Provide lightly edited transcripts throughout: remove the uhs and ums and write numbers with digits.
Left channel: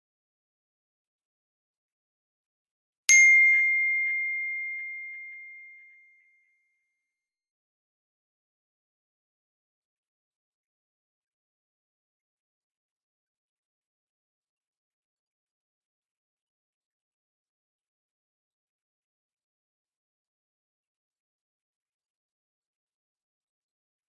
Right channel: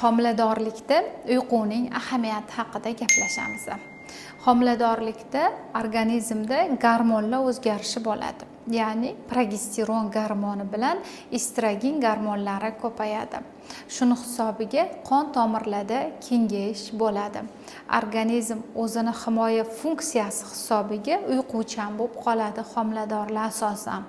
Homiladorlikda uyquning ahamiyati haqida gaplashamiz. Homiladorlikda organizmda gormonlar o'zgarishi bo'ladi. Ya'ni progesteron gormoni bilan estrogen gormonlari ko'payadi. Shuni hisobiga qon tomirlarda kengayish bo'ladi. Organizm o'zini himoya funksiyasi hisobiga uyquchan bo'lib qoladi homiladorlar asosan.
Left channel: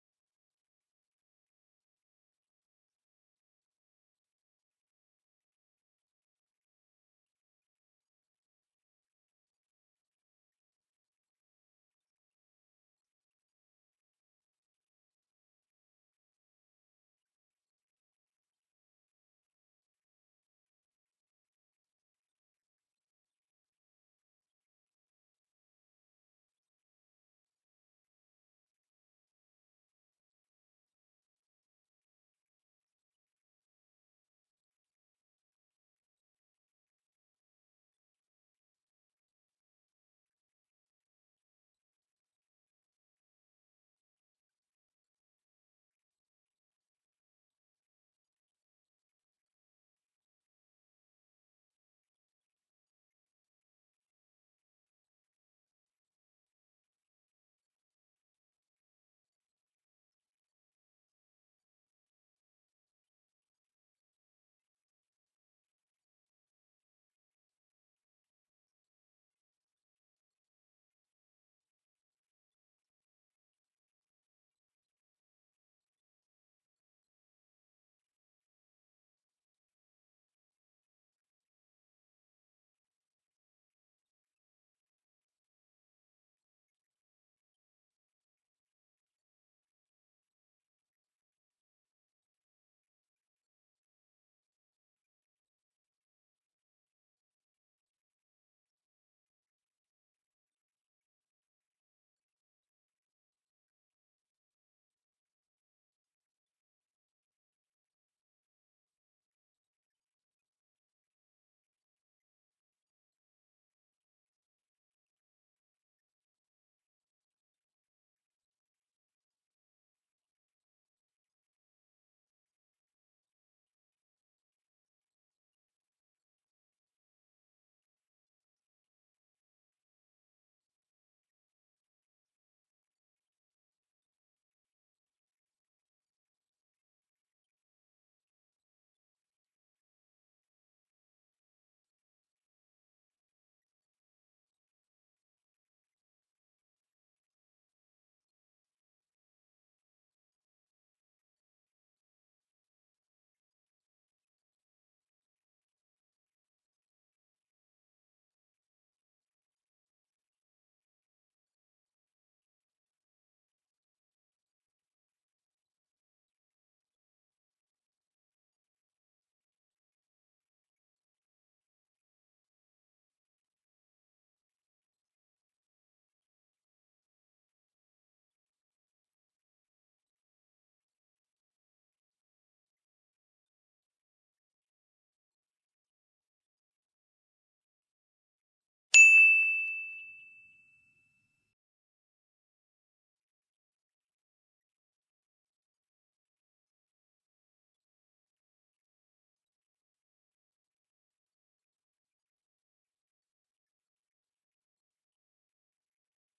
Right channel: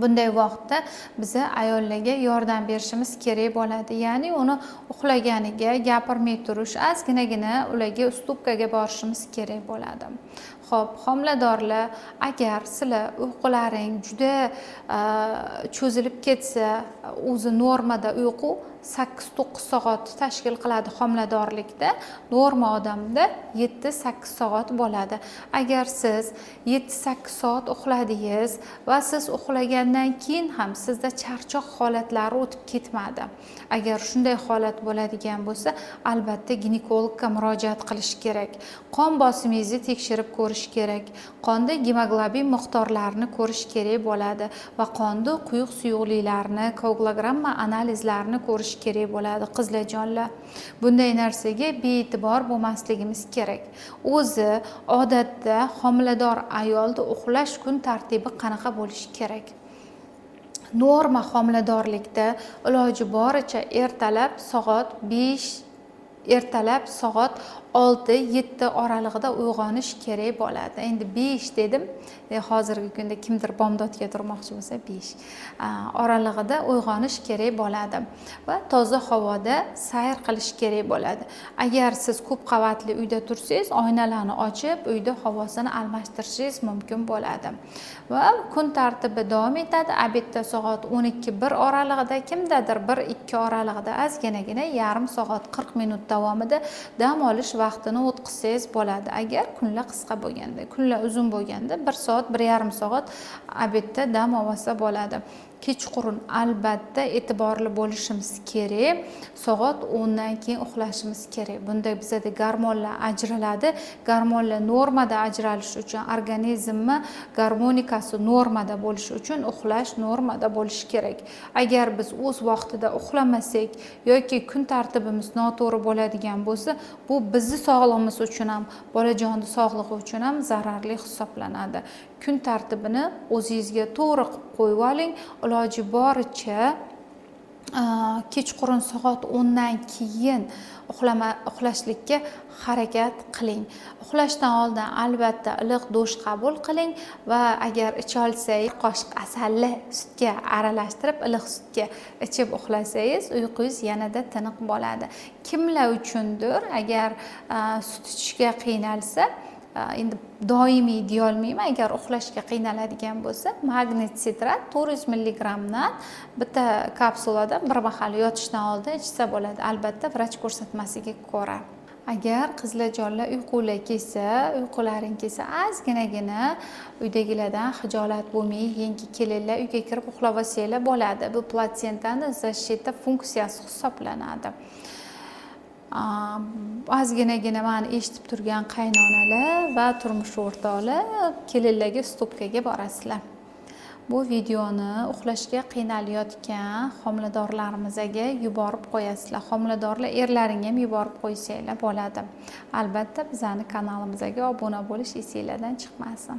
Bunday vaqtda biza ayollarga yordam berishimiz kerak bo'ladi. Ya'ni uni uxlaganiga gapirmay turish, ozginagina ularga ustupkaga borishimiz kerak bo'ladi. Xo'p, homiladorlar, agar sizlar uyqularing juda cho'zilib ketsa, o'zi normada uyqu 8-9 soat tashkil qiladi homiladorlikda, norma odamda 7-8 soat bo'ladi. Agar siz 7-8 soat uxladingiz va siz uxlagandan keyin ham sizda charchoq holatlari o'tib ketmadi. Agar shunday holat bo'ladigan bo'lsa, albatta ginekologga murojaat qilish kerak. Qon bosimingizni tekshirib ko'rish kerak. Qonda gemoglobin miqdorlarini ko'rish kerak bo'ladi va qonda quyuq suyuqliklarni, koagulogramma analizlarini ko'rish kerak bo'ladi qizlarjonlar. Bunday narsaga bee'tibor bo'lmasligimiz kerak. O'zi odatda homilador ayolda uxlash kun tartibi qanaqa bo'lishi kerak? Norma homiladorlikda iloji boricha ertalab soat 6-7 oralig'ida uyg'onish kerak bo'ladi. Endi 5 dedim. Hozirgi kunda kimdir bomdodga turmoqchi bo'lsa 5 oralig'ida uyg'onish kerak bo'ladi va toza havoda sayr qilish kerak bo'ladi. Agar siz ko'p qavatli uyda tursangiz, oynalarni ochib, uyda havosini almashtirishingiz mumkin bo'ladi. Va kun tartibi davom etadi. Obedda soat 12-1 oralig'ida, kimdadir 1-2 oralig'ida ozginagina yarim soat 40 minut davomida dam olish vaqtini o'tkazsangiz bo'ladi. Agar kunlar qisqa bo'lganda, kunlar uzun bo'lganda 1 soat, 1,5 soat obedda dam olsa bo'ladi. Kechqurun albatta e'tiborli bo'lishimiz kerak. Soat 10 dan keyin uxlashimiz kerak. Bunda bizda gormonlar ajraladi. Gormonlar normada ajralishi uchun, organizmni gormonikasi normada bo'lishi uchun uxlash normada bo'lishi kerak. Agar biz o'z vaqtida uxlamasak yoki kun tartibimiz noto'g'ri bo'ladigan bo'lsa, bu bizning sog'lig'imiz uchun ham, bolajonning sog'lig'i uchun ham zararli hisoblanadi. Kun tartibini o'zingizga to'g'ri qilib qo'yib oling. Iloji boricha kechqurun soat 10 dan keyin uxlashlikka harakat qiling. Uxlashdan oldin albatta iliq dush qabul qiling va agar icha olsangiz qoshiq asalli sutga aralashtirib iliq sutga ichib uxlasangiz uyqungiz yanada tiniq bo'ladi. Kimlar uchundir agar sut ichishga qiynalsa, endi doimiy deya olmayman, agar uxlashga qiynaladigan bo'lsa, magnit sitrat 400 mg dan bitta kapsuladan bir mahal yotishdan oldin ichsa bo'ladi. Albatta vrach ko'rsatmasiga ko'ra. Agar qizlarjonlar uyqular kelsa, uyqularing kelsa, ozginagina uydagilardan xijolat bo'lmay, yangi kelinlar uyga kirib uxlab olsanglar bo'ladi. Bu platsentani защита funksiyasi hisoblanadi. Ozginagina meni eshitib turgan qaynonalar va turmush o'rtoqlar kelinlarga stopkaga borasizlar. Bu videoni uxlashga qiynalayotgan homiladorlarimizga yuborib qo'yasizlar. Homiladorlar erlaring ham yuborib qo'ysanglar bo'ladi. Albatta bizning kanalimizga obuna bo'lish esinglardan chiqmasin.